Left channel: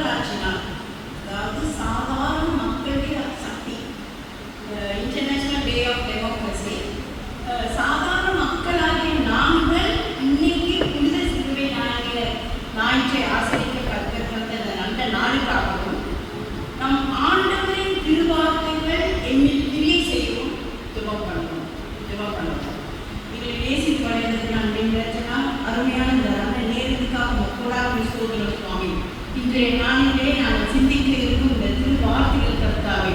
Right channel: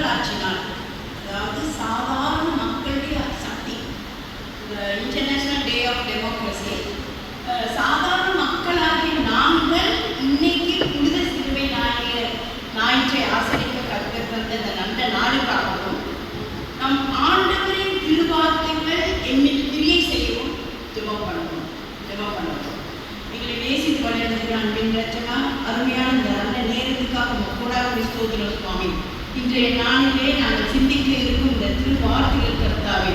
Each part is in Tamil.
மக்களாட்சி நாள், அதாவது சாதாரண மக்களுடைய சக்தி, இன்டர்நேஷனல் டே ஆஃப் டெமோக்ரஸி. சாதாரண மக்களாகிய நாங்கள் இன்னைக்கு புனித சிலுவை ஞாயிற்றை ஆசரிக்க கற்கின்ற இந்த நல்ல நாளுக்காகவும் நம் ஆண்டவரின் திருவார்த்தைகள் என்னில் கிரியை செய்யவும் ஜெபம் பண்ணுவோம். எங்களை நேசித்து வளர்ந்தது அப்படின்றா அருமையான இந்த நல்ல நேரத்துக்காக மக்களாக ஸ்தோத்திரம் சுவாமி. இன்றைய நாளிலே நாங்கள் சிந்திக்க இருக்கும் இந்த திருவார்த்தைகள் கர்த்தாவே,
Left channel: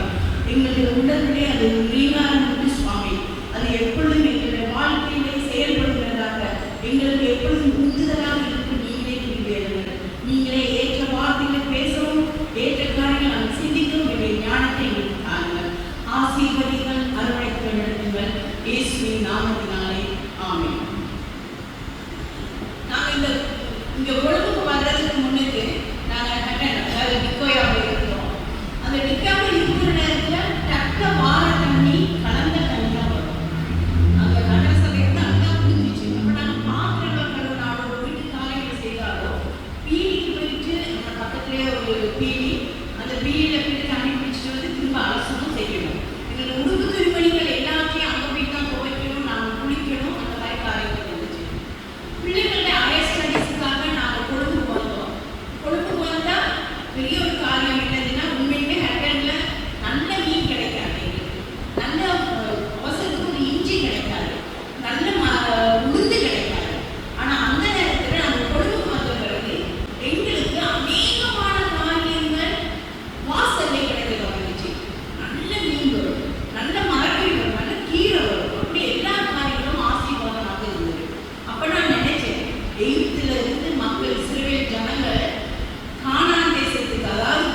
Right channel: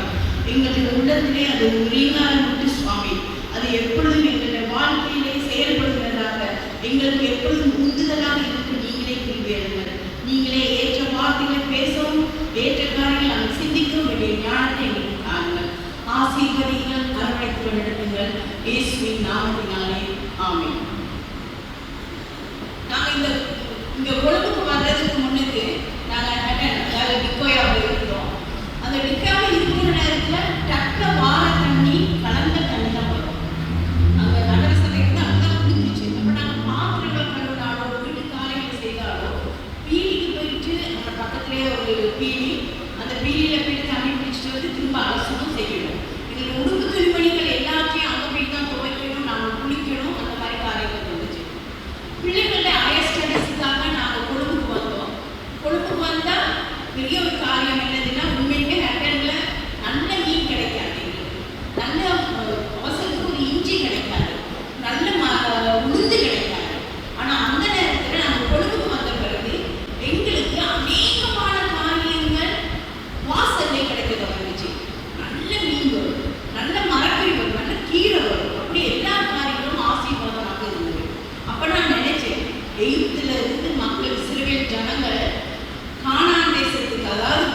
எங்களுடைய உள்ளத்திலே அது உரிமையான சுவாமி, அது எப்பொழுதும் எங்களுடைய வாழ்க்கையிலே செயல்படுகிறதாக எங்களுக்கு எப்பொழுதும் உந்துதலாக இருக்கும். நீங்களே புரிவேறுங்கள், நீங்களே ஏற்ற வார்த்தைகளை பேசவும் ஏற்ற காரியங்கள் நாங்கள் சிந்திக்கவும் வேண்டிய ஞானத்தை எங்களுக்கு தாருங்கள். ஆசீர்வதிகள், அரவணைப்பு நடத்துங்கள். இயேசுவின் நாமத்தினாலே ஆமென். நாங்கள் இந்த உலகுக்கு வர்றதுக்கு முன்னுக்கு நாங்கள் டிக்கோயாவில் இருக்கிறோம். அந்த டிக்கோவில் இருக்கிற நேரத்தில் டக்க வார தண்ணி கலந்த தண்ணி தான் வரும். அங்கே நகர சபை வந்து அங்கே குடிச்சிச்சு. அப்போ நாங்கள் பாத்திரங்கள் கழுவினாலும் ஒரு வீட்டு காலையில் செய்தாலும் பீலிக்கு போயிட்டு நம்ம பக்கத்துலேயே ஒரு பீலி, அந்த பீலியில் போயிட்டு தண்ணி பிடிச்சிட்டு வந்து திரும்ப அலசணும் செய்யணும். எங்களுக்கு உடுப்பு துணிமணிகள் எல்லாத்தையும் அங்கே போய் தான் துவைக்கணும், நாங்கள் குளிக்கணும், அந்த மாதிரி காரியங்கள் வந்துச்சு. பிள்ளைகளுடைய ஹையர் ஸ்டடீஸுக்காக நாங்கள் கொழும்புக்கு வந்தோம். கொழும்புக்கு வந்தால் பெரிய ஒரு காரியம் என்னதுன்னா, உண்மையுமே ஹட்டனில் நல்ல மீன் கிடைக்காது, நல்ல அவசரத்துக்கு ஒரு இஞ்சி கிடைக்காது, நல்ல உளுந்து கிடைக்காது. ஆனால் அந்த நேரத்தில் நாங்கள் கொழும்புக்கு வந்த பிறகு எங்களுக்கு அநேகமான காரியங்கள் வாசல்லே கிடைக்க தொடங்குச்சு. நல்ல மீன் வரும், நல்ல மரக்கறி வரும், நல்ல கீரை வரும், அப்படி எல்லா காரியங்களும் ஆசீர்வாதமாக இருந்தது. அப்போ நான் நினைச்சேன், எகிப்துல இருந்து மக்கள் இஸ்ரவேல் ஜனங்கள் கானான் தேசத்துக்கு, அதாவது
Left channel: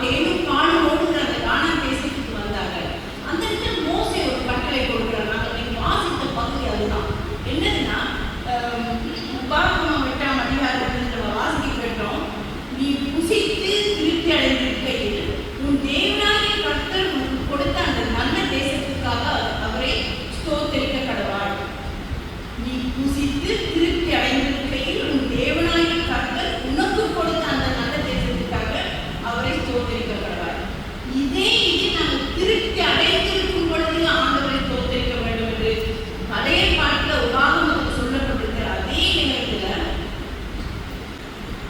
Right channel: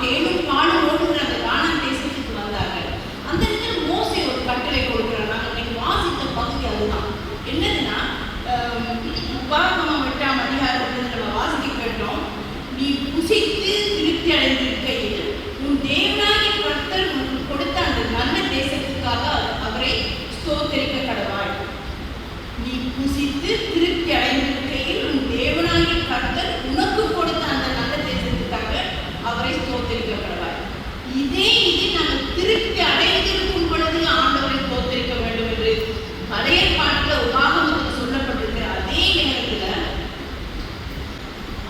தேனும் பாலும் ஓடுகிற அந்த கானான் தேசத்துக்கு வந்தார்கள். அந்த இடத்துல மோசே ஒரு கட்டளை கொடுக்கிறார். நாங்கள் வாசித்த பகுதி அதுதான். என்னதுன்னா, உபாகமம் 8ஆம் அதிகாரத்தில் நம்ம வாசிக்க கேட்டோம், நீ புசித்து திருப்தி அடைந்திருக்கையில் உன் தேவனாகிய கர்த்தர் உனக்கு கொடுத்த அந்த நல்ல தேசத்துக்காக அவரை ஸ்தோத்திரிக்க கடவாள். நீ புசித்து திருப்தி அடைந்திருக்கையில் உன் தேவனாகிய கர்த்தர் உனக்கு கொடுத்த அந்த நல்ல தேசத்துக்காக அவரை ஸ்தோத்திரிக்க கடவாள். இதே நாங்கள் திருப்தி அடைந்திருக்கும் பொழுது ஆண்டவரை ஸ்தோத்திரிக்க வேண்டும் என்று பழைய பாட்டில் உபாகமத்தில் சொல்லப்பட்டிருக்கிற அதே நேரத்தில்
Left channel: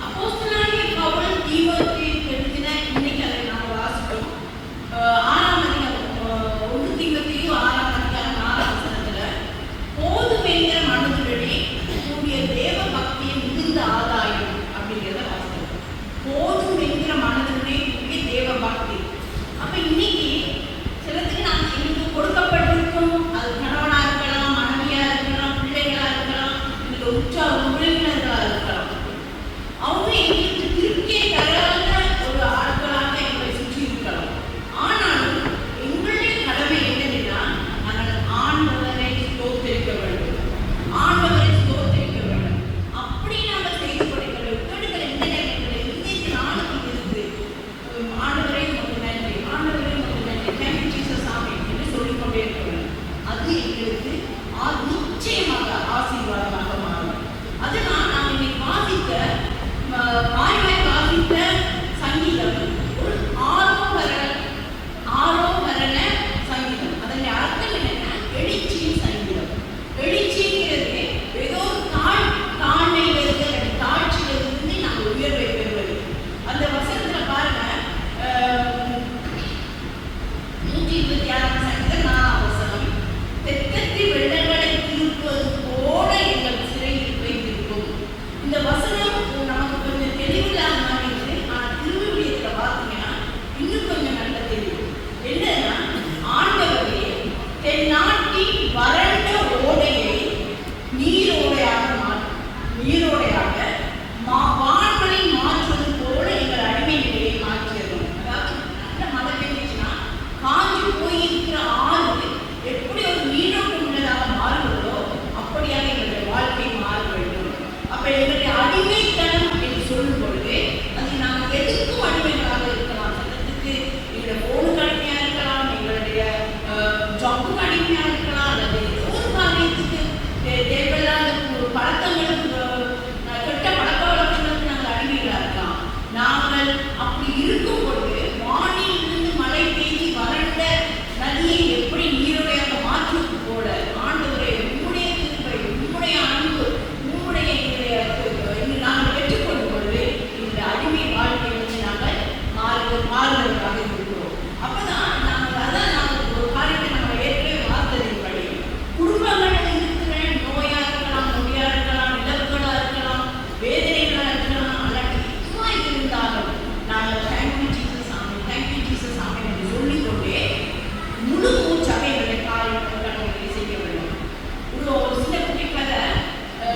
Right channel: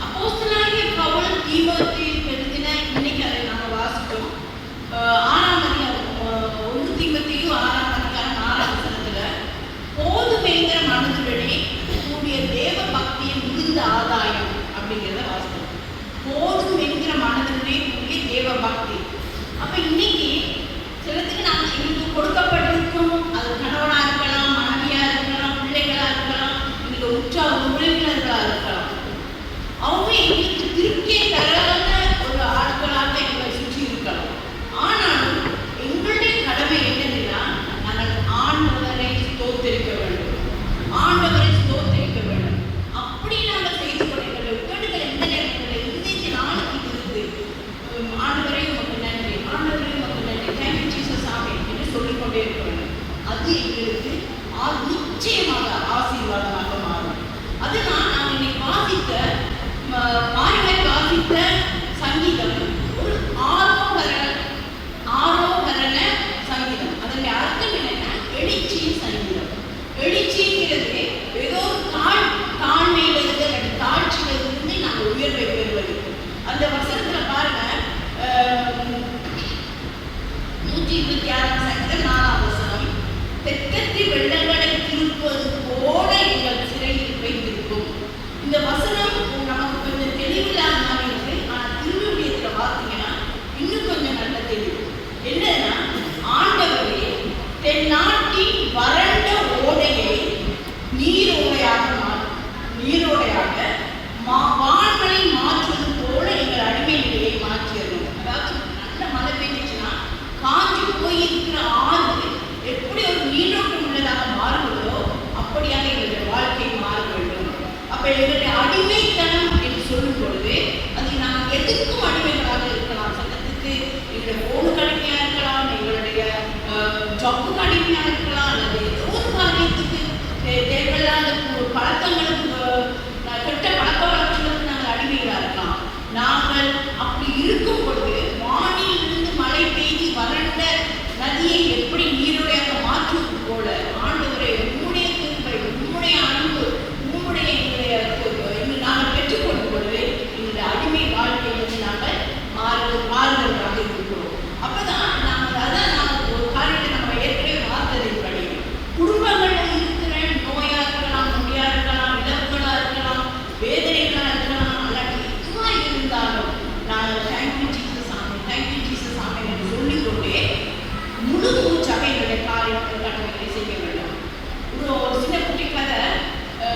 அப்போஸ்தலனாகிய பவுல் தீமோத்தேயுவுக்கு எழுதின, இன்னைக்கு அதை நாங்கள் வாசித்தோம், 6ஆம் அதிகாரம் 1 தீமோத்தேயு 6ஆம் அதிகாரம் 4ஆம் வசனத்தில், போதுமெங்கிற மனதுடனே கூடிய தேவ பக்தியின் மிகுந்த ஆதாயம் அப்படிங்கிறத வாசிக்கிறோம். போதும் என்கிற மனதுடனே கூடிய தேவ பக்தி. அப்போ இன்னைக்கு சிலத்துக்கு நாங்கள் எங்களுக்கு கொடுக்கப்பட்டிருக்கோம், அது கணவனாக இருக்கலாம், மனைவியாக இருக்கலாம், பிள்ளைகளாக இருக்கலாம், எங்களுக்கு உற்சாக உறவினர்களாக இருக்கலாம். அவங்க எங்களுக்கு திருப்தியை தராத ஒரு ஆட்களாக எங்களை சுற்றி இருக்கலாம். ஆனாலும் எங்களுடைய கடமை என்னதுன்னா, நாங்கள் ஆண்டவரை ஸ்தோத்திரிக்க வேண்டும், ஆண்டவரை ஸ்தோத்திரிக்க வேண்டும். அப்படி நாங்கள் செய்து கொள்ளுங்கள். வீடுகள் இந்த நேரத்தில் இன்றைக்கு நாளுக்கு இருந்து ஆண்டவரை நமக்கு நன்றி, ஆண்டவரை நமக்கு நன்றி, தேங்க்யூ ஜீசஸ் ஆமே என்று சொல்லிக்கொண்டே இருக்க வேண்டும். அது எங்களுக்கு நிச்சயமாக ஆசீர்வாதமாக மாறும். அதனால் நான் இன்னைக்கு வாசித்த சங்கீதம் ஒரு ஆரோகரண சங்கீதம். அதனுடைய அர்த்தம் என்னன்னா, எழுச்சியின் சங்கீதம். எழுச்சிங்கிறது ஏதோ தாழ்மையிலிருந்து அல்லது தாழ்ச்சியிலிருந்து நாங்கள் உயர்வை பெறுவது. அந்த வசனத்துல பாருங்க, 126ஆம் சங்கீதம் 4ஆம் வசனம், தெற்கத்தி வெள்ளங்களை திருப்பது போல எங்கள் சிறையிருப்பை இருக்கும். இந்த வசனம் நமக்கு கொஞ்சம் தெளிவில்லாத மாதிரி இருக்கு. ஆனால் திருவிழியத்தில் நாங்கள் அப்படி இருக்கும் பொழுது வானில் இருந்து மழை பெய்து வறண்ட நதியை எப்படி நீருடையாக மாற்றுவது போல ஆண்டவரை உம்முடைய கிருபை, உம்முடைய அன்பு, உம்முடைய நாங்கள் பெற்றுக்கொள்ளும் பொழுது இந்த அடிமை வாழ்க்கை வந்து நாங்கள் மாறுதலாக இருக்கிறோம். அப்பதான் நாங்கள் ஒரு காரியத்தை நம்ம ஏற்கனவே பார்த்ததின்படி குடும்பங்கள் இருக்கிற நோயா இருக்கலாம், நொடியா இருக்கலாம், இழப்புகளா இருக்கலாம், வேதனைகளா இருக்கலாம், அல்லாட்டி எதுவா இருந்தாலும் நாங்கள் தேங்க்யூ ஜீசஸ் சாமி, தேங்க்யூ ஜீசஸ் சாமி என்று சொல்லிக்கொண்டே முழு மூச்சாக எங்களுடைய காரியங்களை செய்ய வேண்டும். ஒரு சின்ன குட்டி கதை,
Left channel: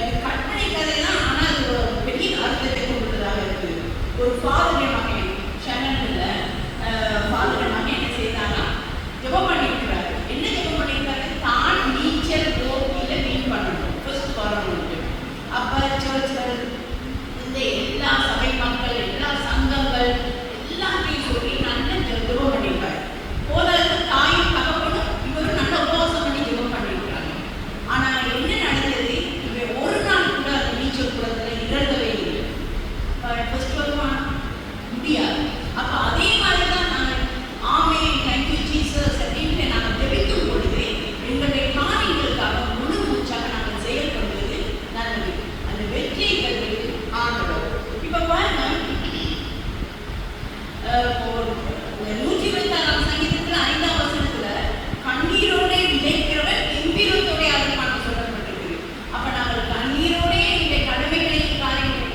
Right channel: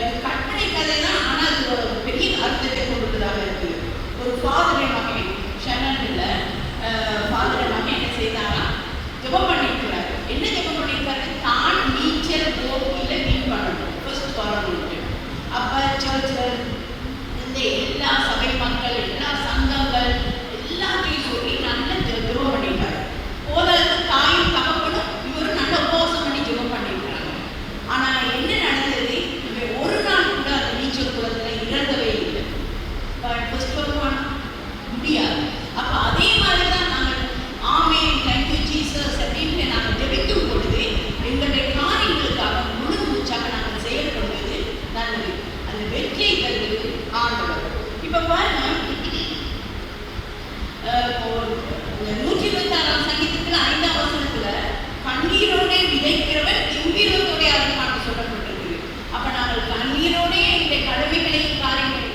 இது கற்பனை கதை தான், ஆனால் அது ஒரு பெரிய அர்த்தத்தை கொண்டுள்ளதாக இருக்குது. ஒரு ஃபாதரை மகன் ஷனன்ல ஃபாதரை மகன் என்ன செய்தாரா, ஜெபம் பண்ணியிருக்கிறார். என்ன ஜெபம் பண்ணியிருக்காரு? தான் நீச்சல் கோப்பில மீன் பண்ணணும் ஃபர்ஸ்ட் வரணும். அப்ப சர்ச்சில் இந்த எல்லா சபை மக்கள், எல்லா சங்கங்கள் எல்லாத்தையும் சொல்லி நல்ல ஜெபம் பண்ணியிருக்காரு. போதற்கு தாயும் தகப்பனும் இவரும் நல்ல உபவாசம் பண்ணி ஜெபம் பண்ணியிருக்கிறாங்க. ஆனா என்ன நடந்தது? இவன் ஒரு நாள் கூட அந்த நீச்சல் குளத்துல இறங்கவே இல்லை. முடியாது. அப்ப அதே மாதிரிதான் நாங்கள் ஆமே தேங்க்யூ ஜீசஸ் அப்படின்னு நாங்கள் ஜெபிக்கும் பொழுது எங்களுடைய காரியங்களுக்காக முழு மூச்சாக நாங்கள் செயல்படுவது நல்லது. அந்த வெற்றியை தருவது ஆண்டவர். இப்ப பாருங்க, 126 சங்கீதத்துல 5ஆம் வசனத்துல கண்ணீரோட விதைக்கிறவன் கம்பீரத்தோட அறுப்பான்னு சொல்லப்பட்டிருக்கு. அப்ப நாங்கள் கண்ணீரோட இந்த கடமைகளையும் காரியங்களை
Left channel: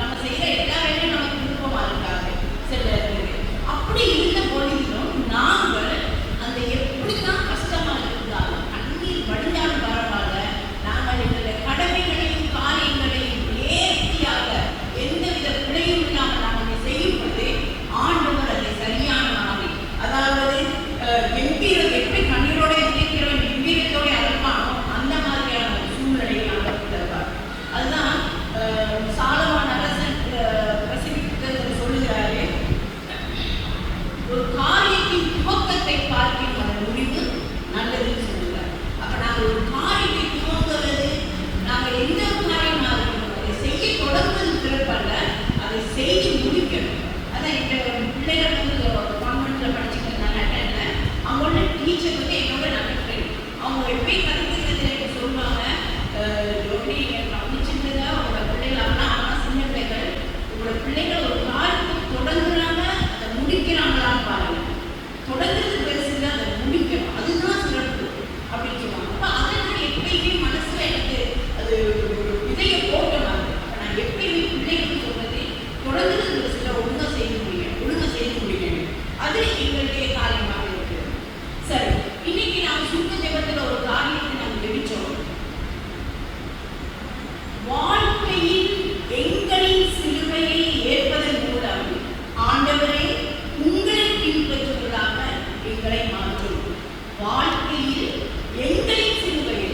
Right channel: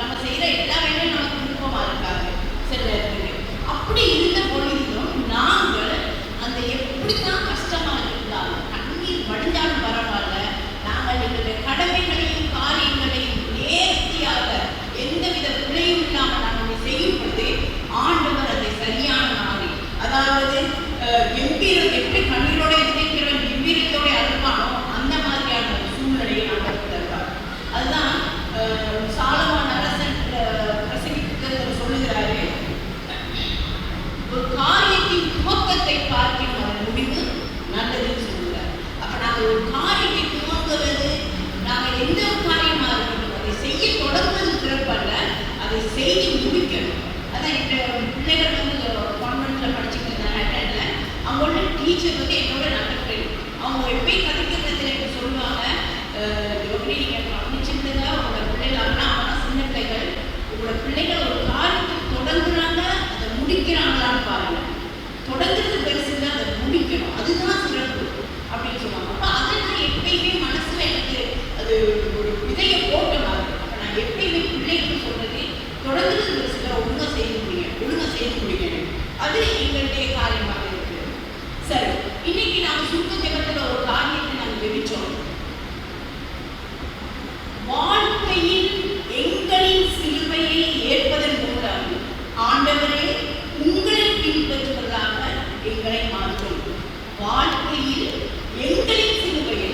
நம்ம செய்யற எல்லா வேலையும் நமக்கு விருப்பமா இருக்காது சில இடத்துக்கு. அப்படி இருந்த பொழுதிலும் நாங்கள் அந்த எப்படிதான் கஷ்டமா இருந்தாலும் கண்ணீர் வடிஞ்சாலும் பரவாயில்ல, நாங்கள் எங்களுடைய கடமைகளையும் காரியங்களையும் நேர்த்தியாக எந்தவித பிழையும் இல்லாமல் நாங்கள் செய்யும் பொழுது ஆண்டவர் அதை சரியான மாதிரி, அதாவது கம்பீரம் எப்படி கண்ணீரோட விதைக்கிறவன் கம்பீரத்தோட அறுப்பானோ அந்த மாதிரியான சூழ்நிலையை ஆண்டவர் தருவார். அதுதான் சாலமோன் அரசன் பிரசங்கித்ததில் சொல்லுகிறாரு, ஒரு காரியத்தின் துவக்கத்தை பார்க்கின்ற முடிவு நல்லதுன்னு சொல்லுகிறார். அப்ப நாங்கள் ஒரு காரியத்தை துவங்குவது, நாங்கள் எந்த காரியமா இருக்கணும் அதை செய்ய தொடங்குவது சிறப்பல்ல, அதை செய்து முடிக்கணும். அதான் எங்க பிள்ளைகள் வந்து கான்வென்ட்ல படிச்சுட்டு இருந்தாங்க. அவங்களோட டீச்சர் வந்து என்னோட நல்ல ஃப்ரெண்ட். அவங்க எப்பயும் கதைக்கிறதுல என்ன சொல்லுவாங்க, நீங்க கவனிச்சுக்கிறதா உங்களோட பிள்ளைகள் அவனா சின்ன பிள்ளைகள், உங்களோட பிள்ளைகள் ஒரு காரியத்தை தொடங்குறாங்க அதை முடிக்கிறாங்களான்னு பாருங்க. தொடங்குறது பெருசு இல்லை, அதை முடிக்கணும், அதுதான் சிறப்பு அப்படின்னு சொல்லுவாங்க. அப்ப அதை நான் எப்பயுமே மனசுல எனக்கு அது ஒரு விதைய போட்ட மாதிரி. அப்ப நான் எப்பயுமே பிள்ளைகளுக்கு சொல்றது, தொடங்குறது பெருசு இல்லை, ஒழுங்கா செய்து முடிக்கணும். அது எங்களுடைய காரியமாக இருக்கு. சரி, இன்னைக்கு நாம சுத்த ஜெபத்துல ஒரு காரியத்தை நாங்கள் வெடிச்சோம். வாழ்க்கையில் எங்களின் சிலுவையை ஏற்பதன் மூலம் ஆண்டவரே உங்களை பின்பற்றுவதாக எங்களை மாற்றும். வாழ்க்கையில் எங்களின் சிலுவையை,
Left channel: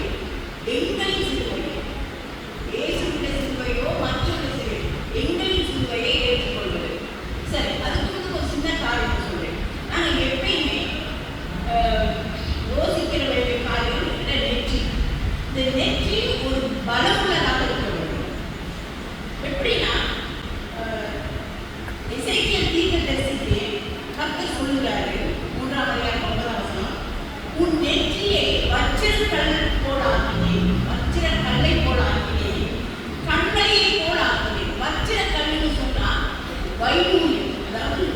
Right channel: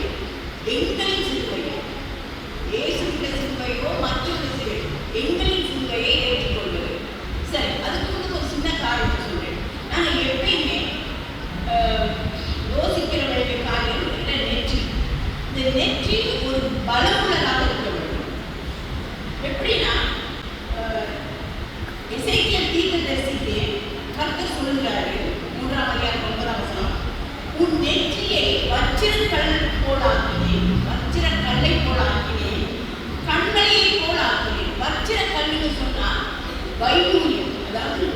இயேசுவின் சிலுவையோ மற்றொரு சிலுவை, எங்களின் சிலுவையை ஏற்றுக்கொள்வது. சரி, அதுக்கு ஒரு சின்ன காரியத்தை சொல்றேன். நாங்கள் எப்பயுமே யோசிக்கிற வேண்டிய காரியம் என்ன? நெற்றி. இந்த நெற்றி ஒரு பலமுள்ளதாக இருக்க வேண்டும். எப்படின்னா, எசேக்கியேல் தீர்க்கதரிசிக்கு கர்த்தர் சொல்லுகிறாரு, 3ஆம் அதிகாரம் 9ஆம் வசனம், உன் நெற்றியை வச்சிரக்கல்லை போல ஆக்கினேன், கண்மலையை போல ஆக்கினேன். வச்சிரக்கல்லுன்னு சொன்னா வைடூரியம், அதாவது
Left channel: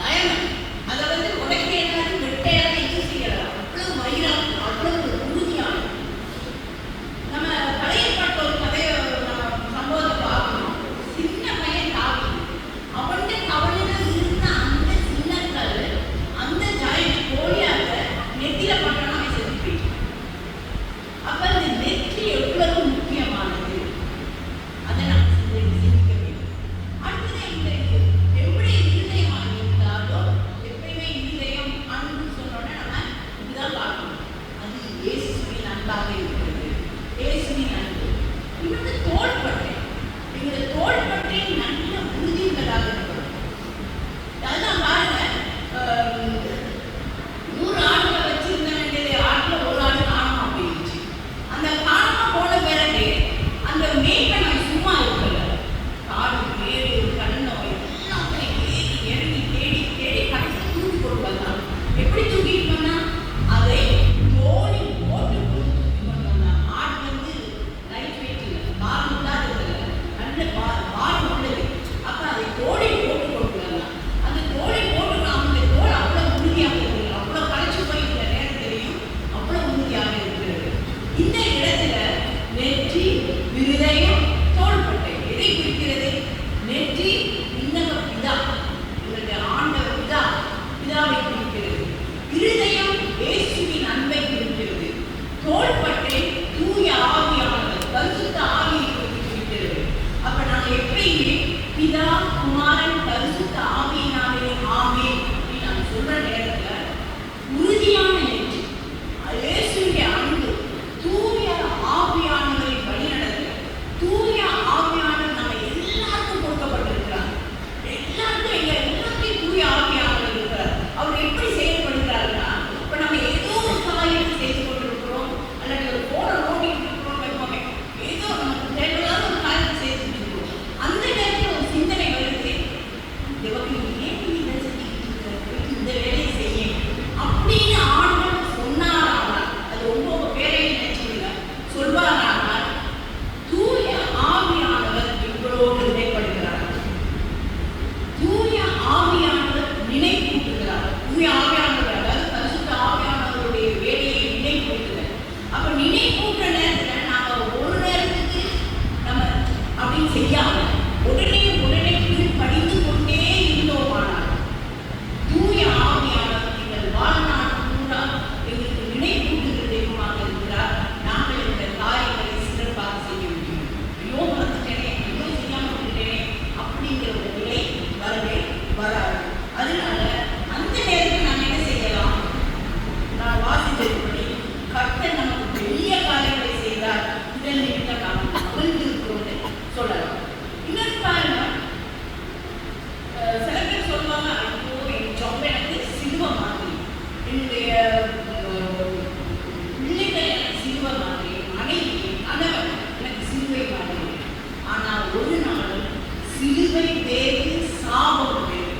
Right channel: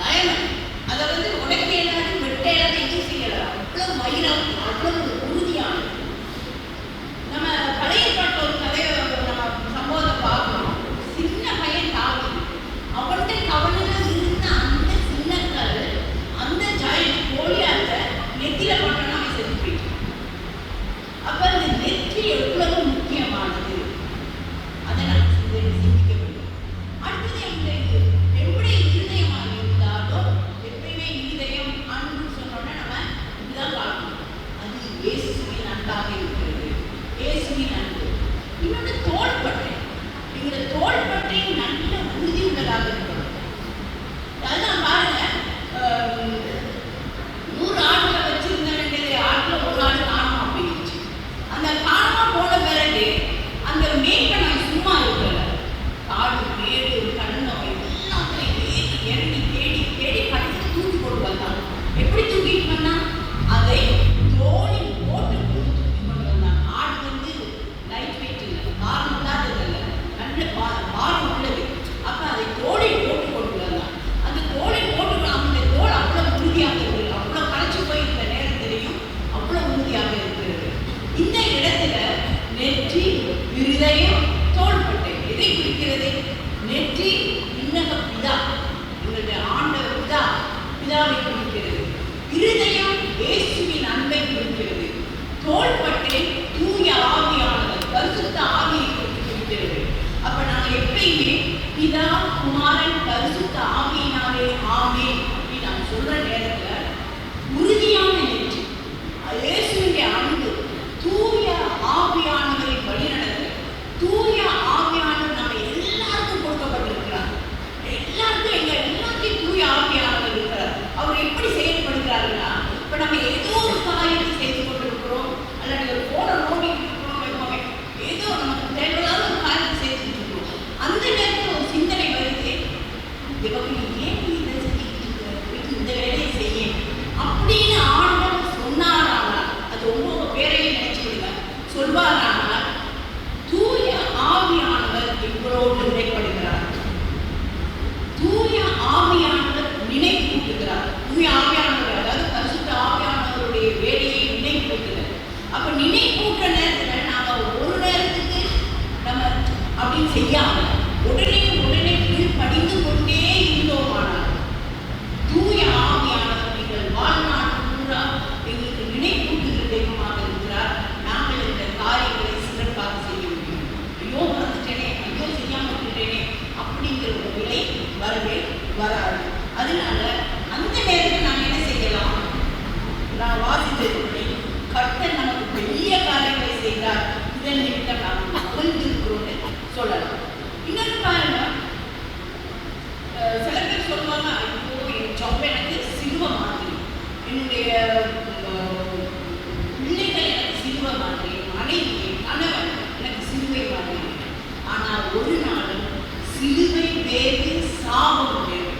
தயனம். அதை வந்து உடைக்க எல்லாரும் வெட்டையாத இது செய்யலாம். அவ்வளவு வயிறாக, அவ்வளவு உறுதியான. நம்ம பழைய பாட்டு ஒரு கதையை நம்ம சம்பவத்தை பார்க்கணும். சின்ன பையன் தாவி அவன்கிட்ட கவலையில இருந்த அந்த சின்ன கல் அந்த ஜாயிண்ட் கோழியாக நெத்தியில போட்டோன்னா அவன் செத்து போயிட்டான். அப்ப அந்த நெற்றி எவ்வளவு முக்கியமானது அதை நாம் சிந்திக்க வேண்டும். அடுத்தது எங்களுக்கு எவ்வளவு இருதயமாக இருந்தாலோ, எப்பயுமே இருதயம் அன்பு சொன்னோன்னா நம்ம இப்படிதான் காட்டணும். அது இயேசுவின் அன்பாக இருக்கிறது, இயேசுவின் அன்பு. இன்னொன்று தோள்பட்டை. எங்களோட தோள்பட்டை நல்ல உறுதி உள்ளதாக இருக்கணும். அதுதான் பாருங்க, 100 ஆடுகளை வச்சிருந்த வேண்டியது ஆட்டுல ஒரு ஆடு காணாம போயிடுச்சு. அந்த காணாம போன பிறகு அந்த மேய்ப்பனை சும்மா இருக்கல, காடு மேடு கண்ணை வைத்து வால் உள்ளது. அப்ப அதை தோலை போட்டு கொடுக்கலாம். அந்த தோலை போட்டுக்கலாம். அந்த தோல் அவ்வளவு உறுதியாக இருக்குது. அவ்வளவு களைச்சு போய் இந்த நேரம் தெரியும். அவ்வளவு உறுதியாக இருக்கிறது. இந்த இடத்துல நெற்றி, இருதயம், தோள்பட்டை எதை குறிக்கிறது? நெற்றி விண்ணக பிதா, இவருடைய ஆண்டவர் பிதாவை குறிக்கிறது. இருதயம் இயேசுவின் அன்பை குறிக்கிறது. தோள்பட்டை தூய ஆவியானவர், பரிசுத்த ஆவியை குறிக்கிறது. அப்ப நாங்க எப்பயுமே பிதா, குமாரன், பரிசுத்த ஆவியினாலே ஆமே அப்படின்னு நாங்க சொல்ற நேரத்துல உறுதியான நெற்றி, இயேசுவின் அன்பு, தூய ஆவியானவரை வழிநடத்த, தூய ஆவியானவர் நம்ம எல்லாருக்கும் கொடுக்கப்பட்டிருக்கிறார். எல்லாருக்கும் எல்லாத்தையும் தூய ஆவியானவர் இருக்கிறார். அவர் எப்படி செயல்படுகிறாருன்னா, இப்ப நம்ம ஏதோ ஒரு காரியத்தை செய்து கொண்டிருக்கிறோம், அல்லது ஒரு போன நோக்கிட்டு இருக்கிறோம், ஏதோ நமக்கு தேவையில்லாத ஒரு காரியத்தை செய்துட்டு இருக்கிறோம். அந்த நேரத்தில் ஒரு சிந்தனை வருது, ஏன் இதை செஞ்சுட்டு இந்த வேலையை செய்ய அப்படின்னு ஆண்டவர் சொன்னாரானால், அது ரொம்ப பேரையும் நினைச்சுடுங்க, சொல்வாரானால் தூய ஆவியானவர் எங்களோடு இடைப்படுகிறார். தூய ஆவியானவர் நினைப்பூட்டுகிறார். தூய ஆவியானவர், அதாவது பரிசுத்த ஆவியானவருடைய வேலையை நினைப்பூட்டுகிறார். அப்ப நினைப்பூட்டுற நேரத்தில் நாம ஒரு நேரத்துக்கு நம்ம அப்படின்னு செய்யாம உடனே கீழ்ப்படிந்து கொண்டே இருந்தோமானால், தூய ஆவியானவர் எங்கள் வாழ்நாள் பூரா எங்களுக்கு நினைப்பூட்டுகிற தெய்வமாக இருக்கிறார். நாங்கள் இந்த காரியங்களை சிறப்பாக செய்ய முடியும். ஐயோ மறந்துட்டேனே, ஐயோ செய்யாமல் விட்டேனே அப்படிங்கிற ஒரு நிலை வரவே வராது. அதனால அந்த நேரத்தில் நாம் என்ன செய்யலாம்? நான் வாசித்தபடி கர்த்தர் நமக்கு பெரிய காரியங்களை செய்தார், இதன் நிமித்தம் நாம் புரிந்திருக்கிறோம்னு சொல்லலாம். இன்னொரு காரணம், சில பேர் சொல்லுவாங்க, ஐயோ என் ஜாப் எனக்கு சிலுவை மாதிரி, என்னுடைய பிள்ளைகள் எனக்கு சிலுவை மாதிரி, மனைவி கணவன் எனக்கு சிலுவை மாதிரி. ஆனால் ஒரு நாளும் சிலுவை வேறு சாபம் வேறு,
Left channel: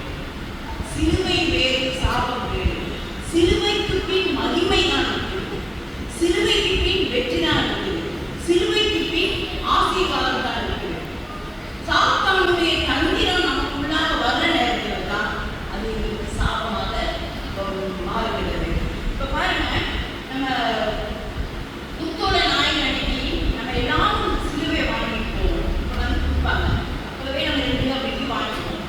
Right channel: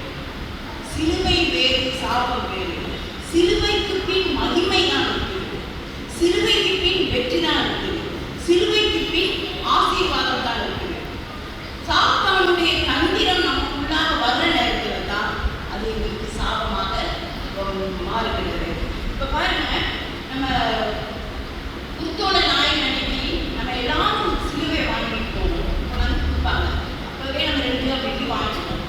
சிலுவை வேறு சாபம் வேறு. சிலுவைக்கு பின் மகிமை தான் இருக்குது, சிலுவைக்கு பின் வெற்றி தான் இருக்குது, சிலுவைக்கு பின் ஆசீர்வாதம் தான் இருக்குது. சாத்தானுடைய தந்திரம் நமக்குள்ளாக வர்ற நேரத்தில் தான் அது எங்களுக்கு சாபமாக மாறுகிறது. இப்ப பாருங்க, நம்ம புத்தோட நாய் அன்னைக்கு நம்ம எல்லாரும் சிலுவை வாங்கிட்டு போவோம், வந்து கொடுப்பாங்க. அப்பவே நம்ம 2 ரூபா வெட்டி வாங்கிக்குவோம்.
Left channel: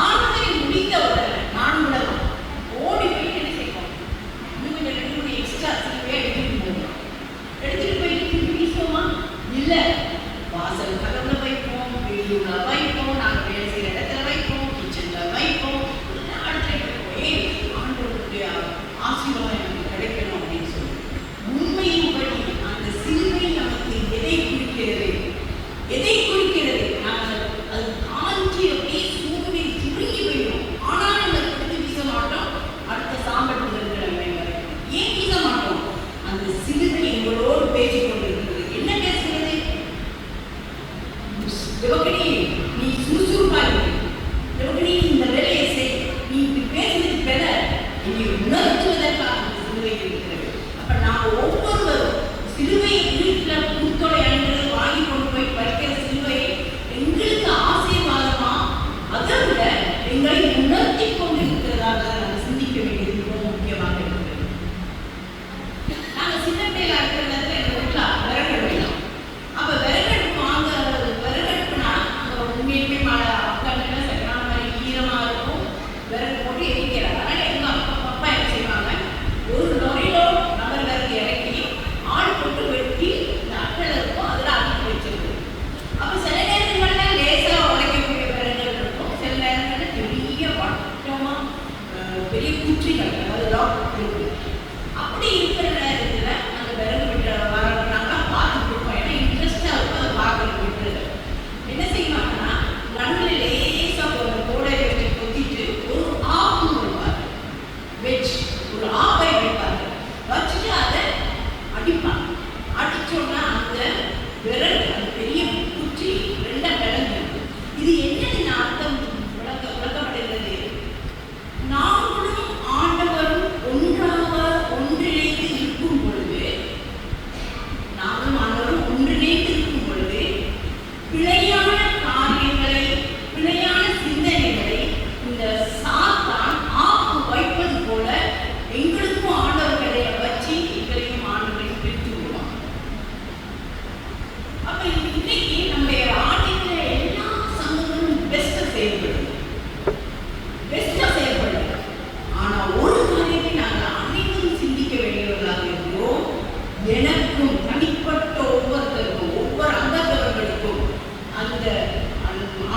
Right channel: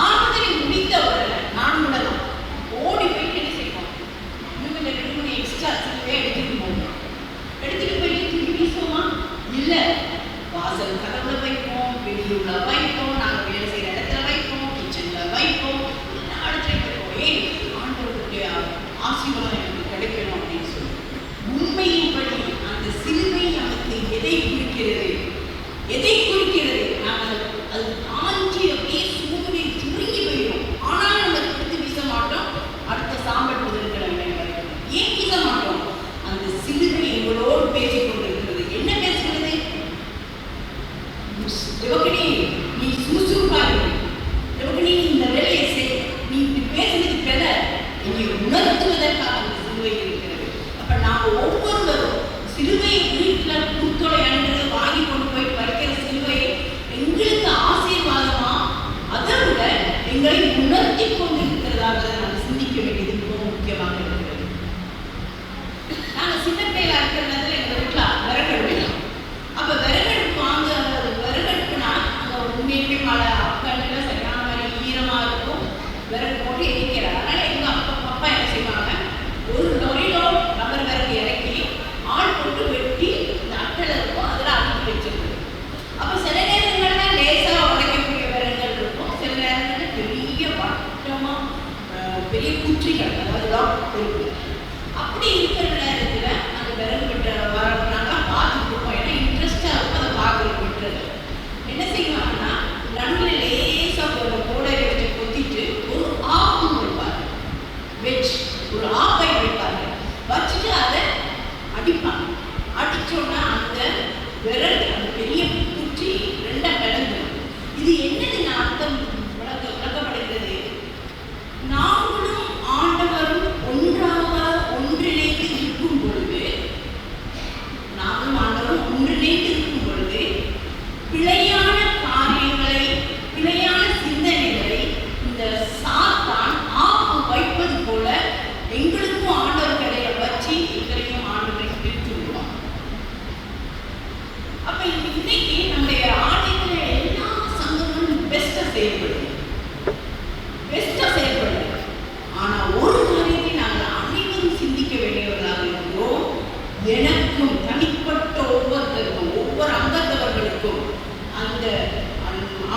ஆராதனை முடித்த உடனே நான் விடலாம் ஓடி போயிட்டு என்ன செய்வோம், இன்னும் 2 எக்ஸ்ட்ரா சிலுவையை எடுத்துட்டு போவோம். எடுத்துட்டு போயிட்டு திருப்பி வீசுவோமா? இல்லை, வாசல் கலந்து வைப்போம், வெளியூர்ல வைப்போம், நாங்கள் வேலை செய்கிற இடத்துல வைப்போம், கிச்சன்ல வைப்போம், எல்லா இடத்துலையும் வைப்போம். ஆண்டவருடைய ஆசீர்வாதம் எனக்கு கிடைக்கணும் அப்படின்னு சொல்லி. உண்மையின்படி அந்த சிலுவை நமக்கு எதை குறிக்கிறது? எதை குறிக்கிறது? நாங்கள் அது காஞ்சி அப்படியே சூரிய சுருங்கி போயிடும். ஆனால் நம்ம எடுத்து வீச மாட்டோம். அடுத்த சாம்பல் புதன்கிழமை வரைக்கும் ஏன் வீச மாட்டோம்? அந்த சிலுவை எங்களோடு பேசிக் கொண்டிருக்கிறது. என்ன பேசுகிறது? சிவகணி செயல்படுங்க, பெஸ்டா செயல்படுங்க. ஆனா ஒரு காரியத்தை நாங்கள் அனைவரும் சிந்திக்க வேண்டியவர்களாக இருக்கிறோம். எனக்கும் தனிப்பட்ட ஒவ்வொருத்தருக்கும் ஒவ்வொரு அங்கத்தவர்களுக்கும் அந்த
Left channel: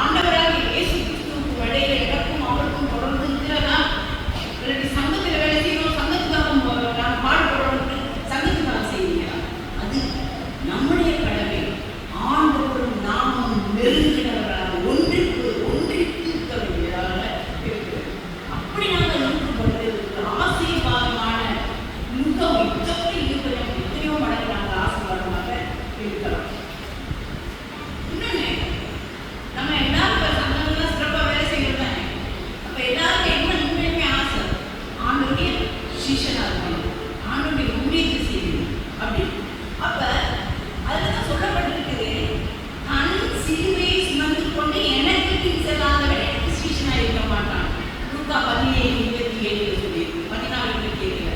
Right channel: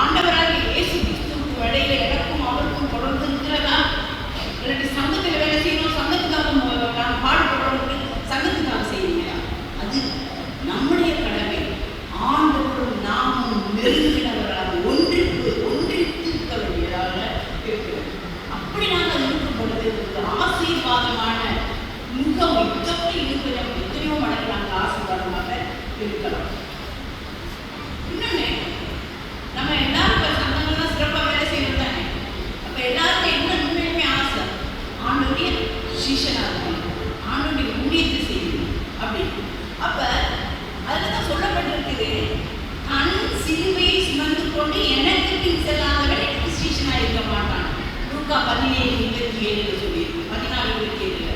ஆண்டவராக இயேசு கிறிஸ்துவுக்கு இடையில எனக்கும் அவருக்கும் தொடர்ந்து இருக்கிறதா? இல்லாட்டி சங்கத்தில் வேலை செய்யணும், சங்கத்துக்காக நாம் பாடுபடணும், சங்கத்துக்காக செய்யுங்களா? அது நம்முடைய கடமை. ஆண்டவரும் நாமும் நெருங்கினவராக ஒன்றிருக்க வேண்டியதாக இருக்கிறது. அப்படி நாங்கள் இருக்கும் பொழுது ஆசீர்வாதமான யுகம் எத்தனையோ மடங்கு நாங்கள் ஆசீர்வாதமாக இருக்கலாம். இன்னொன்னு, நம்ம எல்லாரும் சங்கங்கள்லாம் சிறப்பாக வேலை செய்யறது தானே. அப்ப எல்லாருக்கும் என்ன உண்மையுமே ஆசை? ஆண்டோடைய சீஷனாக இருக்கணும், ஆண்டோடைய ஊழியத்தை செய்யணும் அப்படி. அப்ப அதுதான் சொல்லப்பட்டிருக்குது, தன் சிலுவையை சுமந்து கொண்டு எனக்கு பின் செல்லாதவன் எனக்கு சீஷனாக இருக்க மாட்டான். லூக்கா 17:27 சொல்லியிருக்கு, 14:27.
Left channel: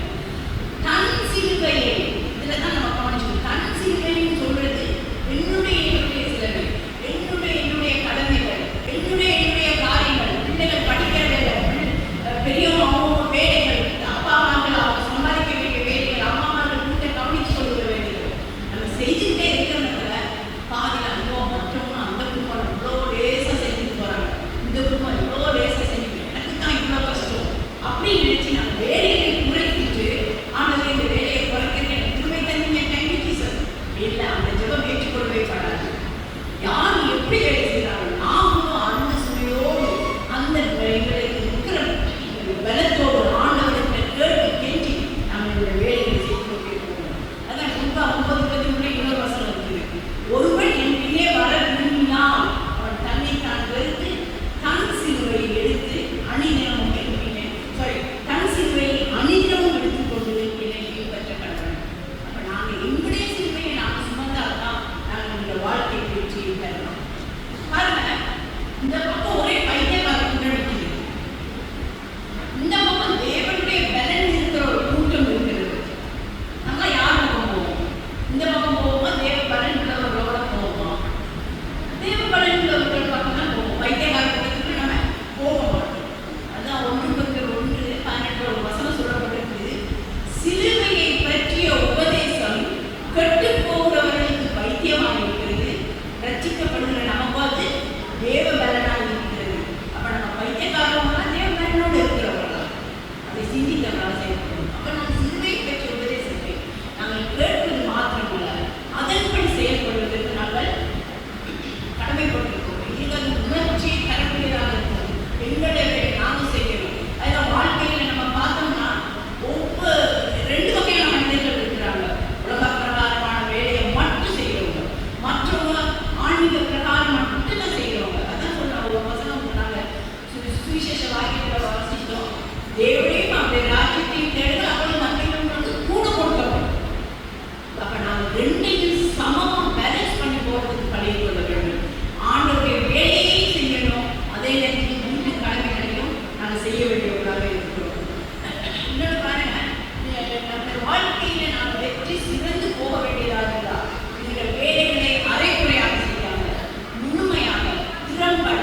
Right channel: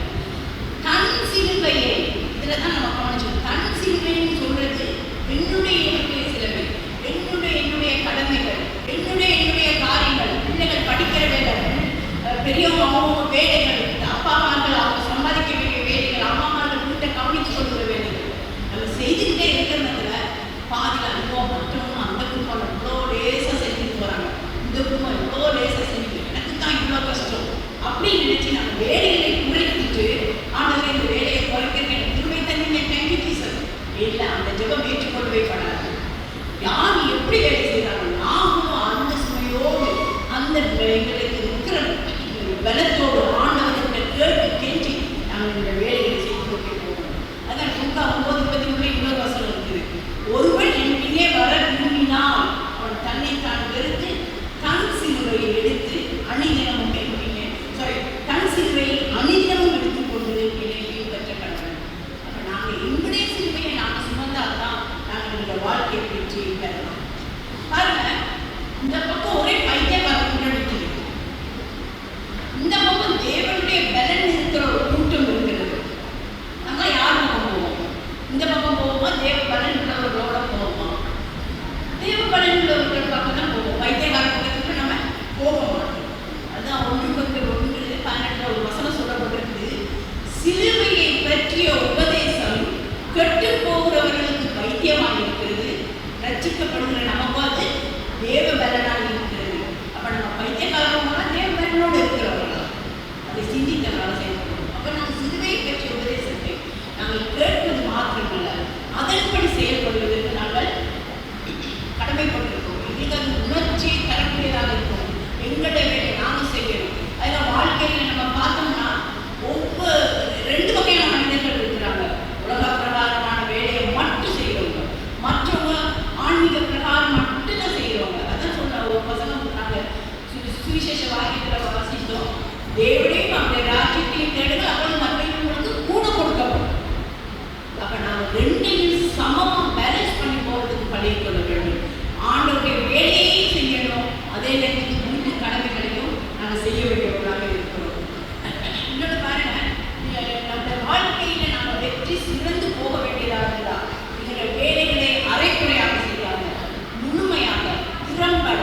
தன் சிலுவையை, இதுல தான் நம்ம கவனிச்சோம். தன் சிலுவைன்னு சொல்றது என்னுடைய சிலுவை, என்னுடைய கடமைகள், என்னுடைய காரியங்கள், பிள்ளைகள் படிக்கிற வேலைகள், பெரியவங்க அவங்க வேலைகள், அப்பா அம்மாக்கள் அவங்க சம்பாதிக்க வேண்டிய வேலைகள், அம்மா அம்மாக்கள் வீட்டை கவனித்து சொல்லுற வேலைகள், நம்ம செய்துக்கிட்டே இருக்கிறதுல பாதியில் அனுபவம் மற்றவங்க அந்த குடும்பம் இவ்வளோ லேசாக செஞ்சுட்டு போகிறாங்க, இந்த குடும்பம் இவ்வளோ லேசாக செஞ்சுட்டு எனக்கு தான் இவ்வளோ கஷ்டம் அப்படின்னு நினச்சி நம்ம வேலைகளை குறைக்கிட்டு ஆனால் இந்த வேலையை குறைக்கிறேன் எனக்கு திரும்ப தண்ணீங்க டைமிக்கு சொல்லு இல்லை, அந்த ஜெபம் ஏற்றுக்கொள்ளவே படாது. யார் எப்படி வேலை செய்கிறாங்க, நாமும் அந்த சுமையோடு அந்த எங்களுக்கு இருக்கிற பலத்தோடு ஆண்டவர்களை கேட்டு கேட்டு நாங்கள் இந்த வேலைகளை செய்து கொண்டே போகணும். அதான் லூக்கா 9:23 இன்னொரு வசனம் இருக்குது. ஒருவன் என் பின்னே வர விரும்பினால் அவன் தன்னை தான் வெறுத்து தன் சிலுவையை எடுத்து அணிதினமும் தன் சிலுவையை அணிதினமும் எடுத்துக்கொண்டு என்னை பின்பற்ற கடவுள். அப்ப நாங்கள் எங்களுடைய சிலுவையை நாங்கள் சுமந்தால்தான் நாங்கள் இந்த வாழ்க்கை வெற்றியை பெறலாம். பாருங்க, இந்த பக்கம் ஒரே பைத்தியக்காரன் நிற்கிறது, இந்த பக்கம் தேவனுடைய பலன் இருக்கிற ஒரு கூட்டம் இருக்கிறது. நம்ம யார் பக்கம் போவோம்? இந்த பக்கம் போவோமா? தேவ பலன் உள்ளவர்களோட போவோமா? தேவ பலன் உள்ளவர்கள் பக்கம் தான் போவோம். பைத்தியக்காரர்களுக்கு நம்ம போக மாட்டோம். அதான் 1:1 ஒரு வசனம் சொல்லப்பட்டிருக்குது, சிலுவையை பற்றிய உபதேசம் கெட்டு போகிறவர்களுக்கு பைத்தியமாக இருக்கிறது, ரட்சிக்கப்படுகிற நமக்கு அது தேவ பலனாக இருக்கிறது. அப்ப நம்ம பைத்தியக்காரவங்களா தேவ பலனோடு இருக்கிறவங்களா? அதை சிந்திக்கலாம் செயல்படும். அப்ப நம்ம சிலுவையை பற்றிய உபதேசத்தை நாங்கள் கேட்பது மாத்திரமல்ல, அதன்படி செயல்படுவதற்கு நாங்கள் கடமைப்பட்டிருக்கோம். இதுக்கு அது உணர்ச்சியை தரக்கூடியதாக இருக்கும். எங்களுடைய வேலை நாங்கள் செய்யணும். அதில் வாழ்க்கையில் நம்ம பார்த்தோம்னா ஒவ்வொரு 2 வகையான மனிதர்கள் இருக்கிறாங்க. உலக பிரகாரமான வேலையை மட்டும் செய்கிறவங்க, மற்றவங்க ஆன்மீக பிரகாரம் மட்டும்தான் செய்கிறவங்க. அதான் சொல்ற ஒரு வசனம் நாங்கள் சுவிசேஷ வாக்கியத்தில் வாசித்தோம், தேவனையும் அவருடைய ராஜ்யத்தையும் தேடுங்க, அவர்கள் மற்றவங்களுக்கு கூட கொடுக்கப்படும். அப்ப நாங்கள் 2ஐயும் சமமாக பேலன்ஸ் பண்ணி போகிறதுக்கு பழகிக் கொள்ள வேண்டும். ஆண்டவருடைய வேலையை செய்யணும், அதே நேரத்தில் வீட்டு கடமைகளையும் நாங்கள் செய்ய வேண்டியவர்களாக இருக்கிறோம். இன்னொரு பாருங்க, அந்த வாழ்க்கையில நாங்கள் வெற்றி சிறந்து போக வேண்டியதாக இருந்தால் இந்த வேலைகளை அரைக்குறையாக செய்யாத முழுமையாக திறம்பட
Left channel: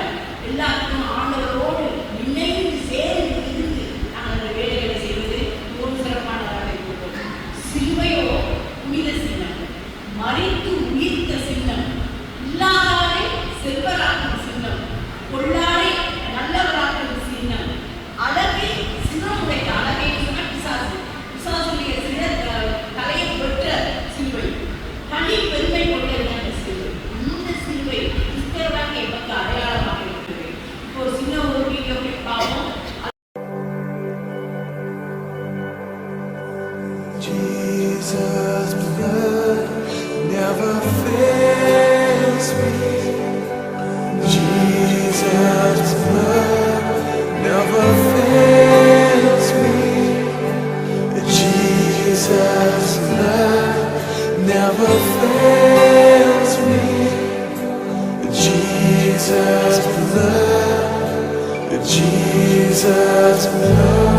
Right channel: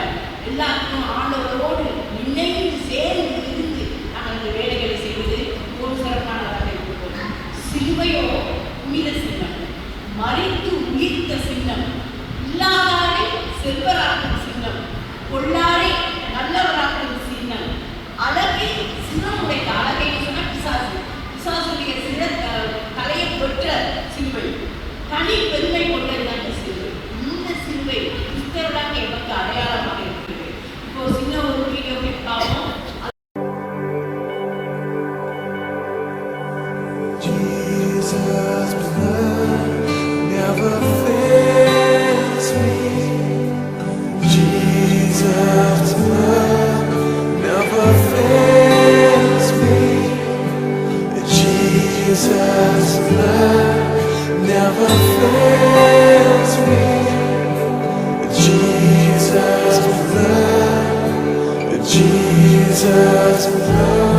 எல்லாருக்கும் ஆண்டவரோடு இணைந்து சேர்ந்து இருந்து நாங்கள் அந்த வேலைகளை செய்வது ஒரு சிறப்பானதாக இருக்கிறோம். சிலுவையோ புனித சின்னம், மறித்து உயிர்த்த சின்னம், இல்லாதாரை செல்வராக்கும் சின்னம், கொள்ளாரை நல்லவராக்கும் சின்னம், அழகை சின்னமுடைய அழகை சொன்ன பிசாசுடைய சின்ன தலையை பெற்ற சிலுவை, தனி பெருமை கொண்ட சிலுவை. இந்த சிலுவை கிறிஸ்தவராக எமக்கு அடையாளமாக இருக்கிறது. இப்போ சின்ன ஒரு வீடியோ பார்ப்போம். Jesus' blood never fails me. Jesus' blood never fails me. Jesus' blood never fails me. Jesus' blood, Jesus' blood.